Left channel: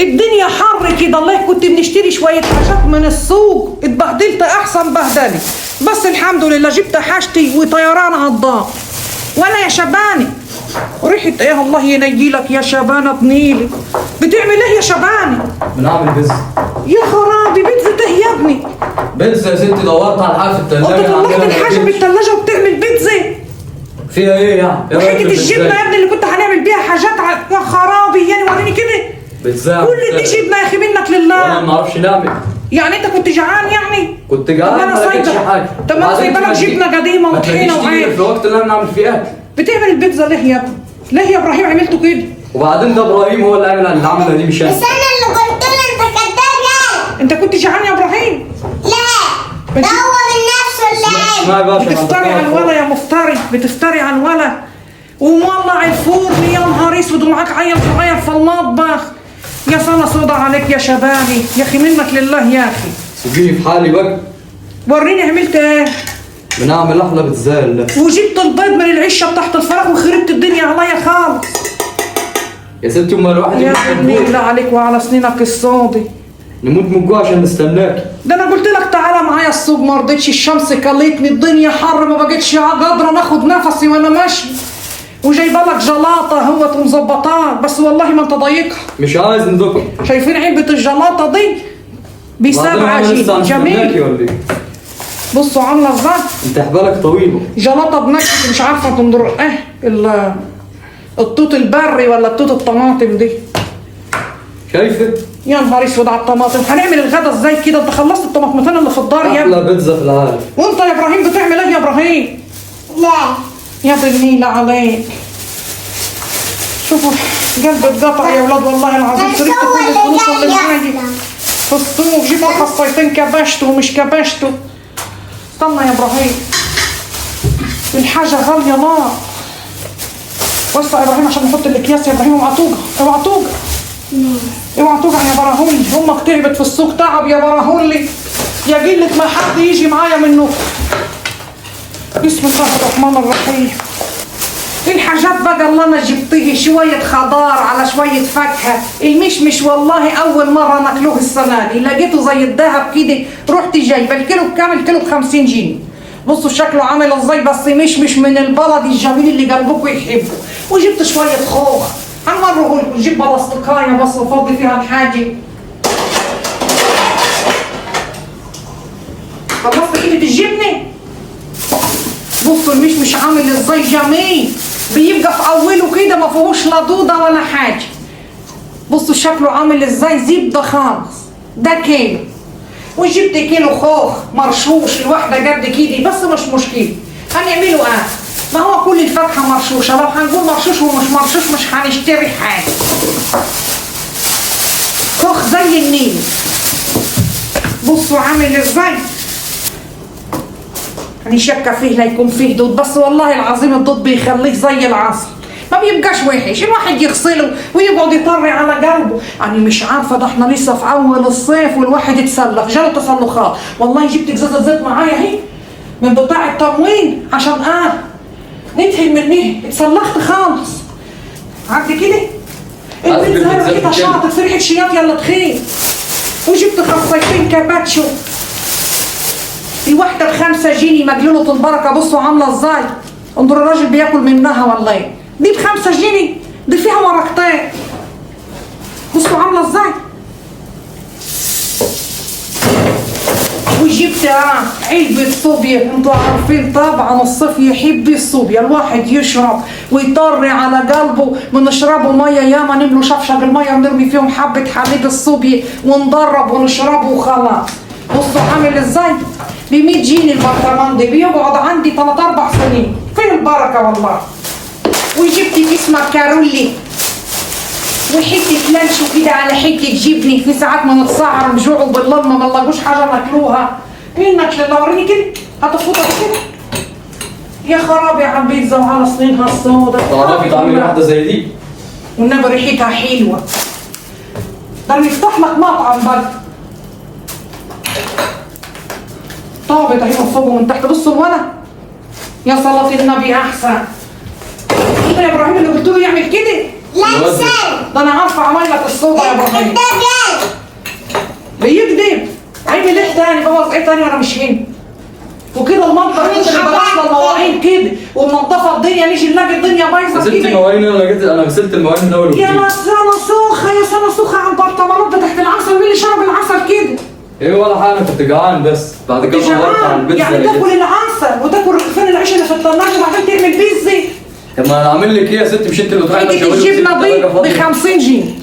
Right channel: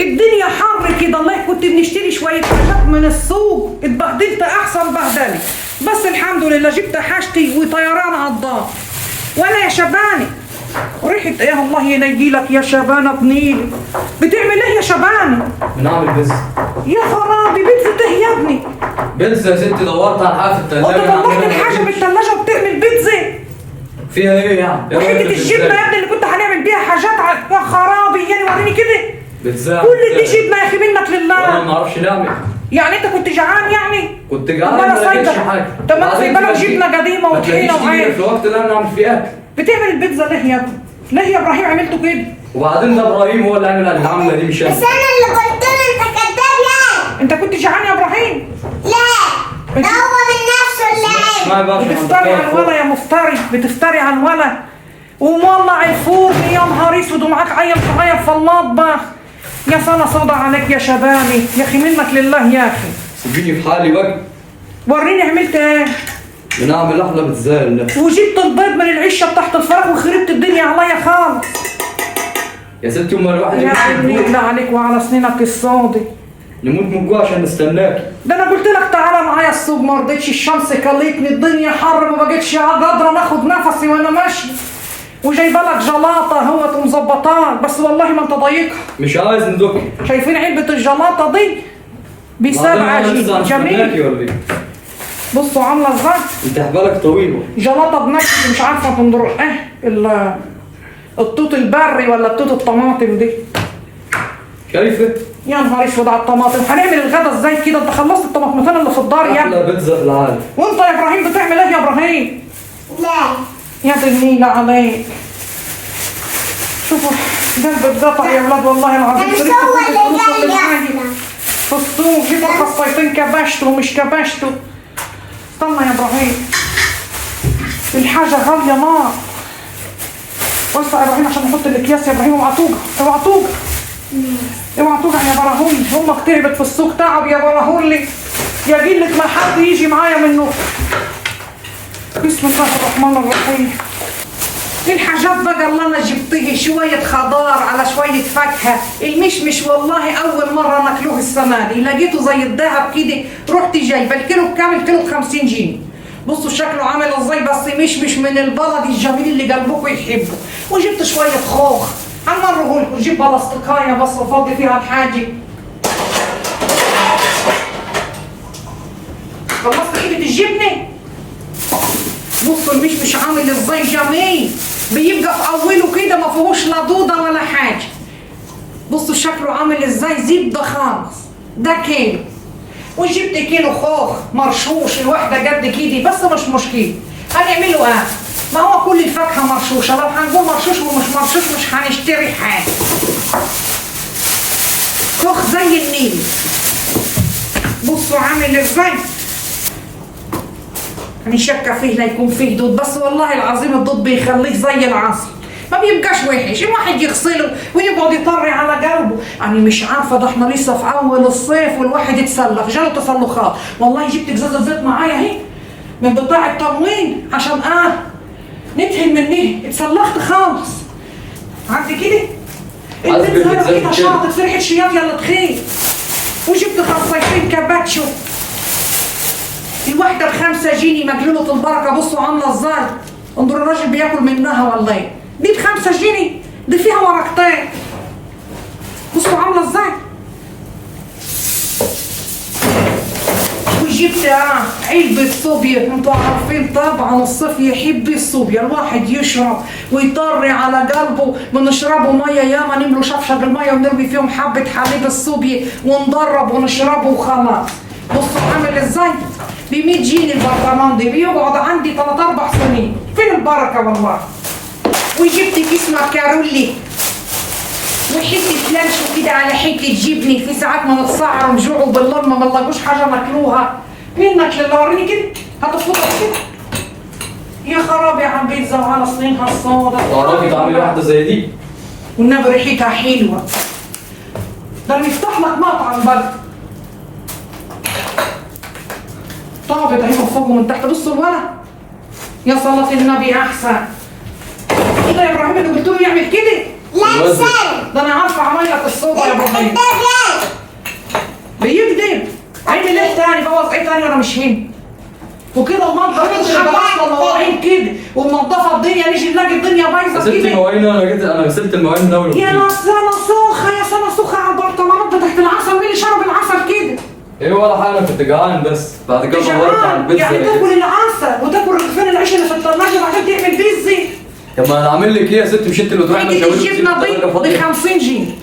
الدنيا حر كده، الله كنت بنشتري شويه حاجات من السوق، اتبهدلت احسن بهدله، بس الحمد لله جبت حاجتي وطيران على الدار. وانا يا شبانه ريحه ايه الله ينيلك يا شبانه بنيلي، بتعمل ايه يا شبانه؟ بنعمل بيتزا. يا خرابي بيتزا ايه يا ابني؟ بيتزا يا ستي، دورت على حاجه في الثلاجه. انت طلعت الحاجه من الثلاجه وبتعمل بيتزا؟ فيها ايه يعني؟ وحته الجبنه يا ابني اللي كنت هنعمل بيها حاجات يا خرابي يعني، وريني كده. بيتزا كل دي جبنه يا اخي منك لله. وانا ما اعرفش نعمل. يعني انت كنت جعان يعني؟ كنت جعان. طب ما انا ما لقيتش سايبه. حاجه. طب ما انا سايبه لك جبنه قديمه وطحينه وعيش. في الوقت اللي انا بنعمل فيه اكل. بتعمل البيتزا ليه يا ابني؟ ليه يا ابراهيم عملته كده؟ وبعدين ده ابراهيم هو اللي عمل العمله دي مش انا. بس انا اللي قلت له انت كداب يعني. انت كنت جعان يا ابراهيم؟ لا، ده هو من نفسه اللي عمل. بتفتري على الولا يا مفتري، بتفتري على الولا ومولع الفرن يا نهار اسود ومعاك عيل صغير في المطبخ. يا سنه سودا عليك يا شباني يا اخي، منك لله يا اخي. سيبيني في حالي بقى. وريني عملت ايه؟ بنعمل احلى بيتزا لله. وجبت البيض من العشه تحت الفراخ وخربت الدنيا عليا خالص. يا ستي امال الواحد يا ابني لا عليك وعلى سنينك السودي. نموت من الجوع عشان نستناك. ده انا قلت لك تعالى معايا السوق ما رضيتش، الشمس كلتني، الدنيا حر ما بقتش قادره ناخد نفسي وانا ماشي، وجايبه لك جلاطه اهوت ومظبطاك، بس والله ما انت ضايقها. مش عايز ندق. شايفين علبه الجلاطه دي ب7 عجين جميل. بصوا عامله ازاي؟ انت حبالك طويله. جلاطه بنكهه مش عارفه تنظر ايه التوت البري ولا التوت الطماطم دي. شايفه؟ يا نهار اسود على الطماطم، هنعمل الغدا ازاي كده؟ انت خلصت الطماطمتين اللي في الدار يا ابني. احلى بيتزا في العالم. وانت يا ابراهيم بتعمل ايه يا ابراهيم؟ لا، يا دي النيلة عليك. شوفوا قلبي اتقطع يا اولاد والله العظيم، صرفت كل الفلوس اللي معايا في السوق، جبت خصيتين كبشته ومش كبشته. استنى يا ابراهيم الحاجة غالية نار. وسع يا ابراهيم عشان نحط الاكياس يا ابراهيم. اوعى توجع اوعى توجع اوعى توجع يا براهولي، امك تعبت في السوق تعب يا براهولي، يا قلة ما حد يجي معايا منه. بسم الله الرحمن الرحيم. الحاجات بقى اللي انا جبتيه شويه خضار على شويه فاكهه، المشمش والله اول مره ناكلوه السنه دي، لقيته زي الذهب كده، رحت جايبه الكيلو بكام؟ الكيلو ب50 جنيه. بصوا شكله عامل ازاي، بس مشمش من البلد الجميل اللي قلبكم يحبه. وجبت شويه خوخ هنوريه لكم، جيب بلاستيكايه بس افضي فيها الحاجه. خلصت ايدي الجبنه. بصوا المشمش عامل ازاي جميل، بيبقى في اوله كده ما فيهوش لا دوده ولا حاجه. بصوا شكله عامل ازاي، زبده خالص. ده كيلو. وجبت كيلو خوخ مرشوش، الواحده قد كده بس مش مشكله. هنعمله ايه؟ ما هو كل الفاكهه مرشوشه، لو هنقول مرشوش ومش مرشوش مش هنشتري حاجه. خوخ زي النيل. بصوا عامل ازاي، هنشكى فيه لا يكون فيه دود، بس والله العظيم الدود بيخليك زي العسل، ما بيبقاش وحش، الواحد يغسله ويقعد يطري على قلبه. انا مش عارفه، ده احنا لسه في اول الصيف والواحد يتسلخ، جاله تسلخات. والله جبت ازازه زيت معايا اهي من بتاع التموين عشان ندهن منيه، اتسلخت خالص. عدي كده البيتزا لقيتها شاطت في ريحه شياط يلا تخيل. وجبت خصيتين كاباتشو، الواحدة ب5 جنيه مجلولة البركة. بصوا عاملة ازاي، انظروا الراجل بياكل منها والله ايه. دي ب5 جنيه، دي فيها ورقتين. بصوا عاملة ازاي. وجبت علبة صوبيا، انتوا عارفين طبعا الصيف يحب الصوبيا، الواحد يشرب ويطري على قلبه. بنشربه مية ياما، نملوا شفشق المية ونرمي فيهم حبة حليب الصوبيا وندرب ونشربه وخلاص. بصوا عامل ازاي، ب100 جنيه البرطمان ده، بيقعد عندي 3-4 سنين. فين البركه والله. وجبت كيس مكروني وحته لانشو كده على حته جبنه، في ساعات من السهره نجوعوا بالليل ما بنلاقوش حاجه ناكلوها. منك لله وريني كده، هتفوتها كده. يا خرابي على البيتزا وعلى صينها السودا. تعرفي تعملي واحده زي دي؟ والنبي ريحتها حلوه، ده نفتح لك مطعم بقى. طابت اهي من فوق ومن تحت. بصوا الولد يا صلاة النبي احسن. انت يا ابراهيم اللي قلت له يعمل كده، لسان. ده انا عارفه اعمل لك الصوبه يا ابراهيم. انت جاي. بيكذب. عامل ايه تاني؟ بوظ ايه تاني وانا مش هنا؟ وكده المنطقه كده اللي بلاش المواعين كده والنظافه الدنيا نيجي نلاقي الدنيا بايظه غسلت كده. المواعين انا غسلت المواعين من اول يا وجديد. سنه سوخه يا سنه سوخه على البرطمانات بتاعت العسل. مين اللي شرب العسل كده؟ ايه ولا حاجه، انا كنت جعان بس بعد كده دورت على البيتزا. يعني تاكل العسل وتاكل رغيفين العيش اللي في الثلاجه وبعدين تعمل بيتزا. طب ما انا اعمل لك ايه يا ست؟ مش انت اللي تروحي تيجي الجبنه دي ب 50 جنيه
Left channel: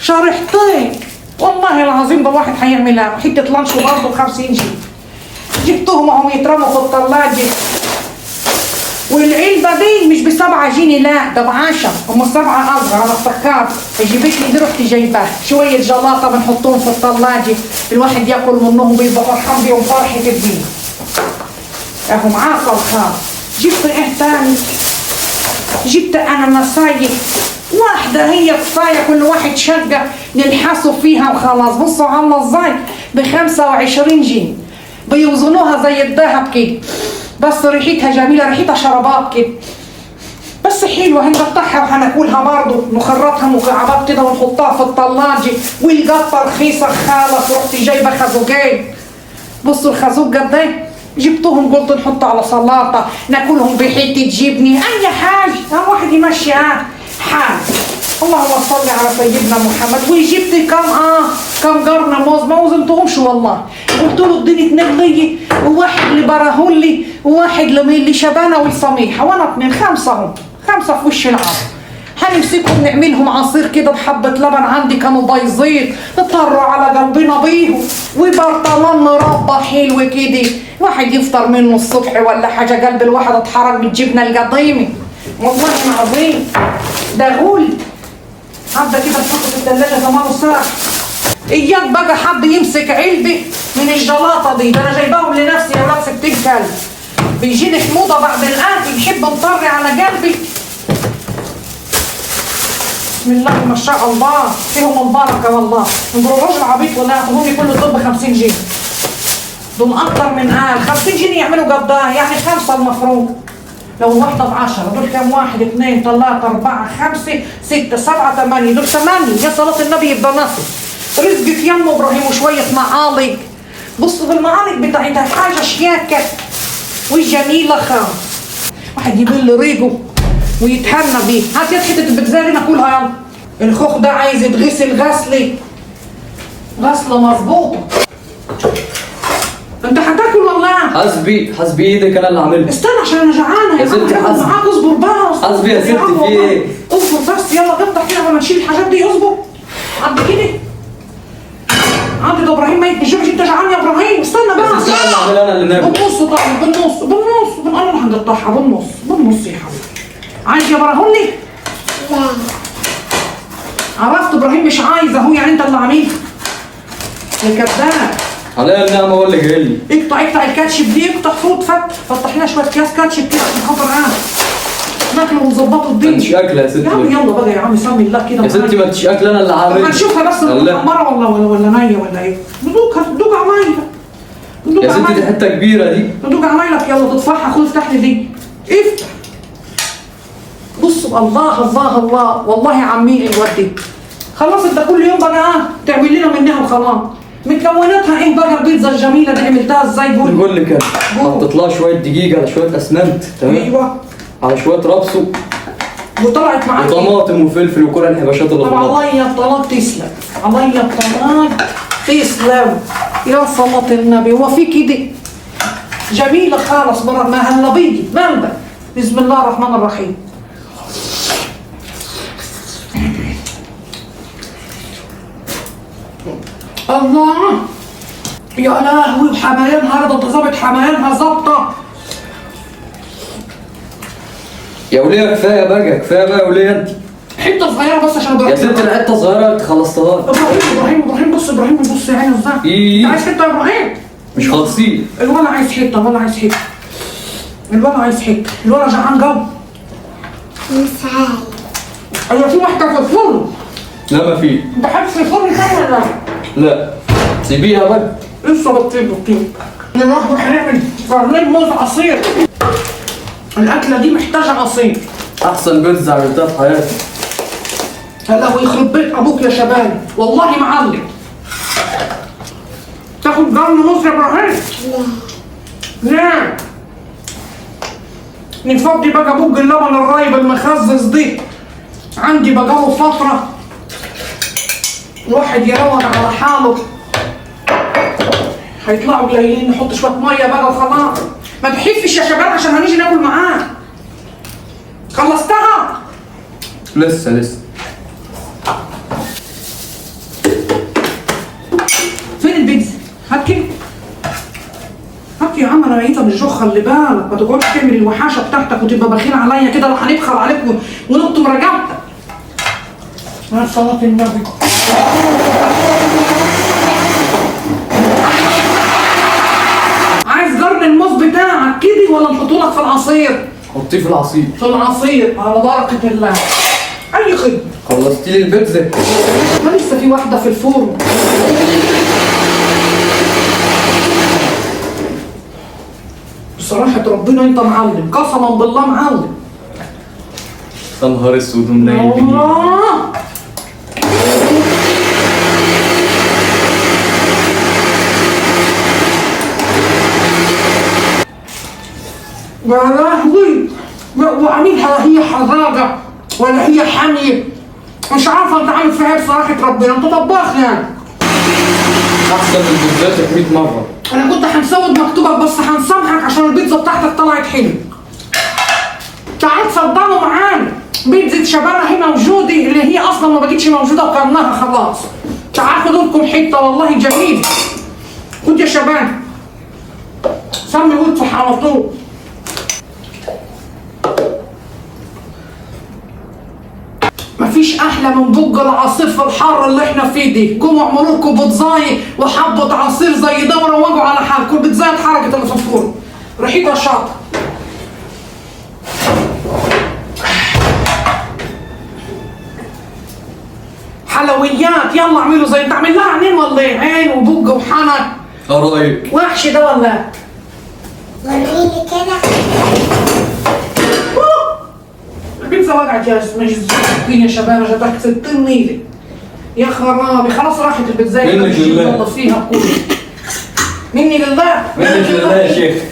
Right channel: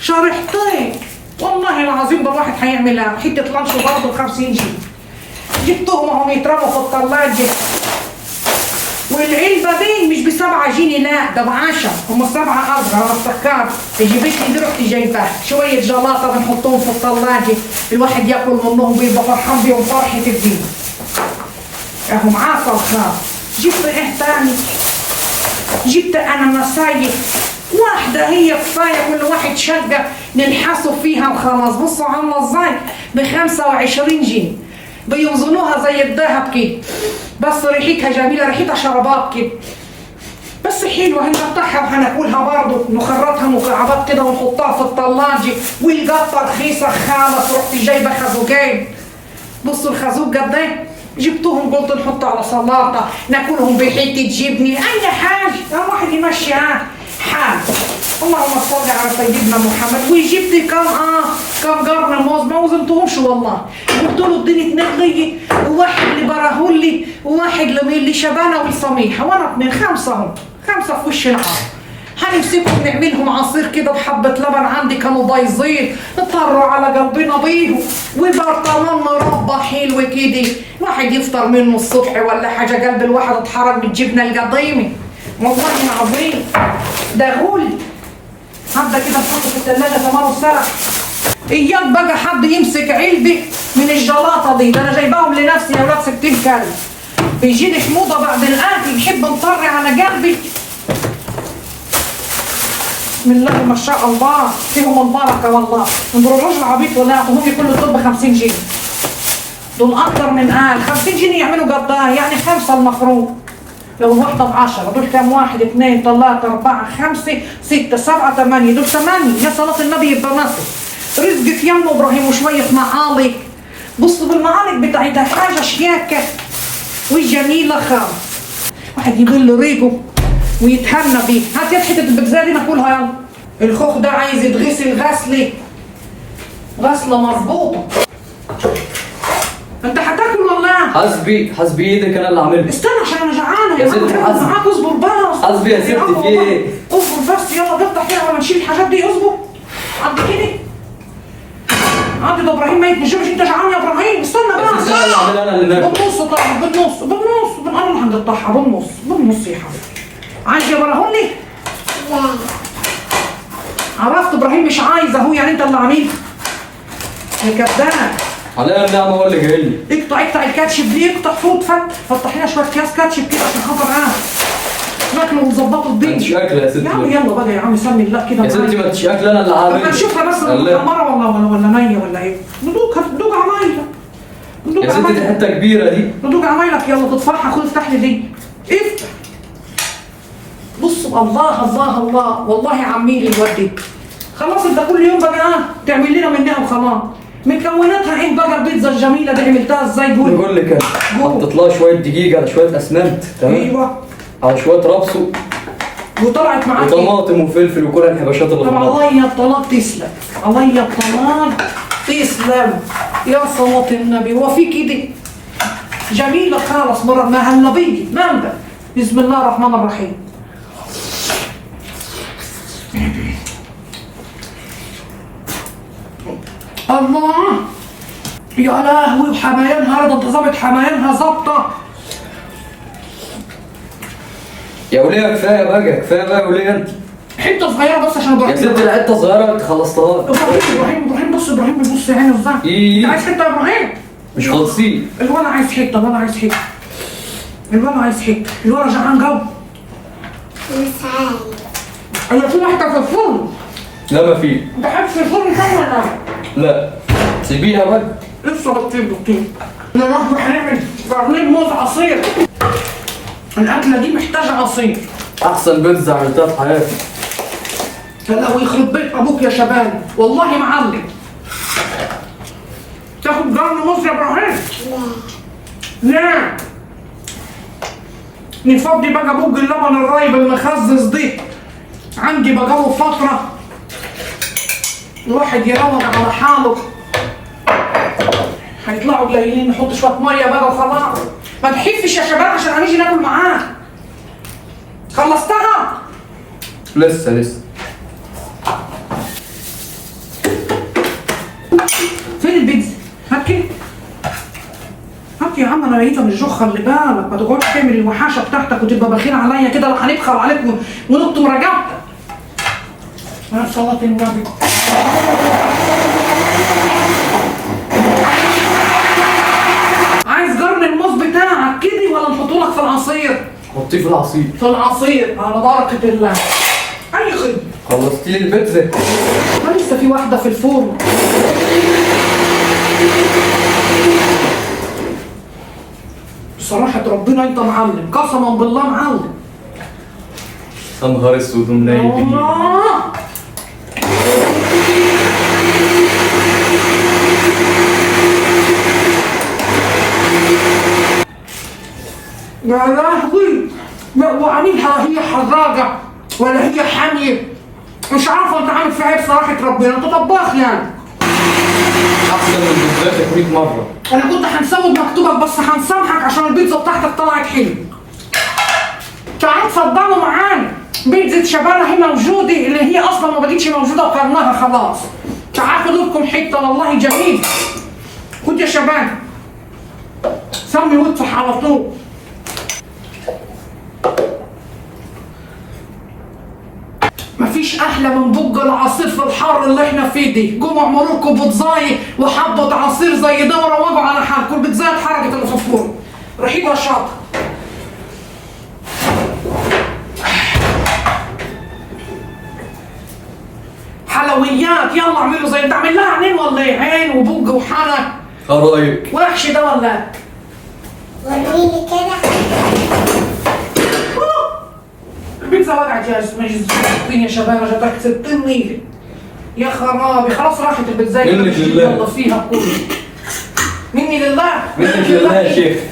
شرحتين. والله العظيم ده واحد هيعملها حته لانش برضه ب 50 جنيه. جبتهم اهم يترموا في الثلاجه. والعلبه دي مش ب 7 جنيه، لا ده ب 10. هم 7 اصغر انا افتكرت. جبت لي رحت جايباها شويه جلاطه بنحطهم في الثلاجه الواحد ياكل منهم بيبقى فرحان بيهم فرحه الدين. اهو معاك الخاص. جبت ايه تاني؟ جبت انا نصايح واحدة هي كفاية كل واحد شقة نلحسوا فيها وخلاص. بصوا عاملة ازاي؟ ب 25 جنيه بيوزنوها زي الذهب كده، بس ريحتها جميلة، ريحتها شربات كده بس حلوة. هنقطعها وهناكلها برضه، نخرطها مكعبات كده ونحطها في الثلاجة. والقطة رخيصة خالص. رحت جايبة خازوقين. بصوا الخازوق قد ايه؟ جبتهم قلت نحطه على سلطة ناكلهم بحتة جبنة أي حاجة. هم واحد يمشي حال. اللهم صل على سيدنا محمد. وجبت كم قرن موز ما وزنتهمش والله. قلت له اديني 2 لي وواحد لبراهولي وواحد لميلي شبانه والصميحه وانا 2 5 هم 5 في وش العار. هنمسكهم نعملهم عصير كده بحبة لبن عندي كانوا بايظين اضطروا على قلبنا بيهم. وبرطمان مربى حلو كده واحد يفطر منه الصبح ولا حاجة. قلب الواحد اتحرك بالجبنة القديمة والله العظيم ده غول. حبة كده تحطه في الثلاجة كمان ساعة. اياك بقى حد يمسك علبة من الجلاطة دي. ده انا جايباهم لنفسي يا ولاد 60 كلب. بيجيلي في موضة بعد الاكل بحب نطري على قلبي. بسم الله ما شاء الله فيهم البركة والله. انظروا الراجل عبيط ولا يعطوهم لي كل الطب 50 جنيه. دول اكتر من 50 جنيه يعملوا قداه يعني 5 المفروض. لو الواحدة ب10 دول كام؟ 1 2 3 4 5 6 7 8 دول 8. يا صلاة النبي يبقى نص رزقك يا ام ابراهيم وشوية معالق. بصوا بالمعالق بتاعتها حاجة شياكة وجميلة خالص. واحد يبل ريقه ويتهنى بيه. هات يد حته البيتزا دي ناكلها يلا. الخوخ ده عايز يتغسل غسله مظبوطه. انت هتاكل والله؟ حسبي ايدك انا اللي عاملها. استنى عشان انا جعانه يا ستي حسبي معاك. اصبر بقى حسبي يا ستي في ايه؟ اصبر بس يلا نفتح كده قبل ما نشيل الحاجات دي. اصبر قد كده. عندي ده ابراهيم ميت بالجوع. انت جعان يا ابراهيم؟ استنى بقى. بس استنى اللي عاملها انا اللي ناكل. بالنص طيب بالنص انا هنقطعها بالنص يا حبيبي. عايز يا براهولي؟ عرفت ابراهيم مش عايز اهو. يعني انت اللي عاملها يا كذاب. عليا النعمه هو اللي جاي لي. اقطع الكاتشب دي. اقطع فوت فتح لنا شويه اكياس كاتشب كده عشان خاطر ناكله ونظبطه الدنيا. مش اكله يا ستي. يا عم يلا بقى يا عم سمي الله كده. يا ستي ما تشي اكله انا اللي عاملها. هنشوفها بس محمره ولا نيه ولا ايه. ندوق عمايله. يا ستي دي حته كبيره دي. ندوق عمايلك يلا تطفحها. خد افتح لي دي. افتح. بصوا الله الله الله والله يا عمي الودي. خلاص انت كل يوم بقى تعمل لنا منها وخلاص. مكوناتها ايه بقى البيتزا الجميله دي؟ عملتها ازاي؟ قول. بقول لك انا حطيت لها شويه دقيق على شويه اسمنت تمام. ايوه على شويه ربص وطلعت معاك وطماطم وفلفل وكل الحبشات اللي في النص. عليا الطلاق تسلم. عليا الطلاق تسلم يا صلاة النبي. هو في كده جميله خالص مره ما هالنبي بلبل. بسم الله الرحمن الرحيم. الله يا لهوي بحمايانها. ده ظابط حمايانها ظابطه. يا وليه كفايه بقى يا وليه انت. حته صغيره بس عشان يا ست الحته صغيره انت خلصتها. ابراهيم بص بص يا عيني ازاي. ايه عايز حته يا ابراهيم؟ مش خالصين. الولا عايز حته. الولا جعان جو. مش عايز. ايوه في واحده في الفرن. لا ما في. بحب في الفرن كده. لا سيبيها بقى. لسه بطيب. النهارده هنعمل برنامج موز عصير. الاكله دي محتاجه عصير. احسن بيتزا عملتها في حياتي. هلا ويخرب بيت ابوك يا شباب، والله معلم. تاخد قرن ونص يا ابراهيم؟ لا. نفضي بقى بوج اللبن الرايب المخزز دي، عندي بقاله فترة الواحد يروض على حاله. هيطلعوا قليلين، نحط شوية مية بقى وخلاص. ما تحفش يا شباب عشان هنيجي ناكل معاه. خلصتها؟ لسه. فين البيتزا؟ هات كده. هات يا عم، انا ميته من الجوع، خلي بالك، ما تقعدش تعمل الوحاشه بتاعتك وتبقى بخيل عليا كده، لا هنبخل عليك ونقطم رجبتك. مع صلاة النبي. عايز قرن الموز بتاعك كده ولا نحطه لك في العصير؟ حطيه في العصير. في العصير على بركة الله. أي خدمة. خلصتي لي البيتزا؟ ما لسه في واحدة في الفرن. بصراحة ربنا أنت معلم، قسما بالله معلم. يا نهار اسود ومنيل بدي. يا لهوي، وعاملها هي حراقة ولا هي حامية؟ مش عارفة أنت عامل فيها إيه بصراحة ربنا، أنت طباخ يعني. احسن من بيتزاتك 100 مرة. أنا كنت هنسود مكتوبك بس هنسامحك عشان البيتزا بتاعتك طلعت حلوة. تعال اتفضلوا معانا، بيتزا شبانة هنا موجودة، اللي هي أصلا ما بقتش موجودة وقرناها خلاص. تعال خدوا لكم حتة والله جميل. خد يا شباب، سمي وادفع على طول. مفيش احلى من بق العصير في الحر اللي احنا فيه دي. قوموا اعملوا لكم بيتزاي وحبه عصير زي ده وروجوا على حالكم. البيتزاي اتحرقت اللي في الفرن، ريحتها شاطه. حلويات، يلا اعملوا زي تعمل لها عينين ولا ايه؟ عين وبق وحنك. رايك؟ وحش ده ولا؟ وريني كده. البيتزا وقعت يا مين يا شباب، جت تحت 60 نيله. يا خرابي، خلاص راحت البيتزا. منك لله. يلا فيها كله. مني لله. منك لله يا شيخ.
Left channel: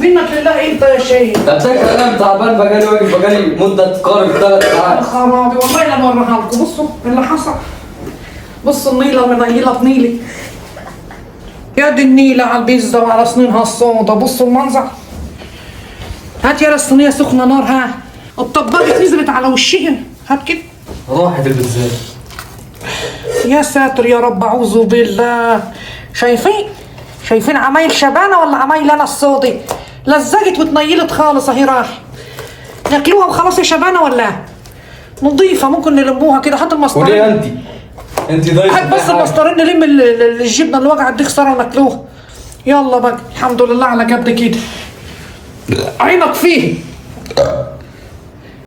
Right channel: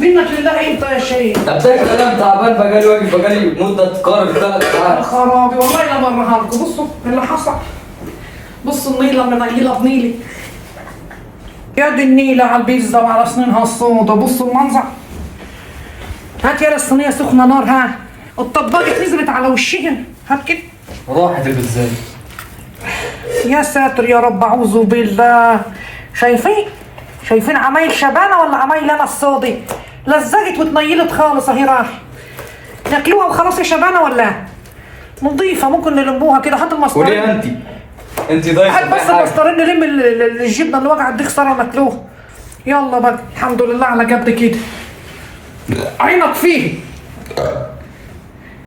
منك لله انت يا شيخ. طب ده انا تعبان، بقالي واقف بقالي مدة تقارب 3 يا ساعات. خرابي، والله لا اوريها لكم. بصوا اللي حصل، بصوا النيله منيله بنيلي. يا دي النيله على البيتزا وعلى سنينها السودا، بصوا المنظر. هات يا الصينيه سخنه نار. ها الطباقه نزلت على وشها. هات كده. راحت البيتزا. يا ساتر يا رب، اعوذ بالله. شايفين عمايل شبانه ولا عمايل انا السودي؟ لزقت واتنيلت خالص اهي. راح ناكلوها وخلاص يا شبانه ولا نضيفه؟ ممكن نلموها كده. هات المسطرين. وليه انت ضايفه؟ هات بس المسطرين نلم الجبنه اللي وقعت دي خساره وناكلوها. يلا بقى، الحمد لله على قد كده. عينك فيه.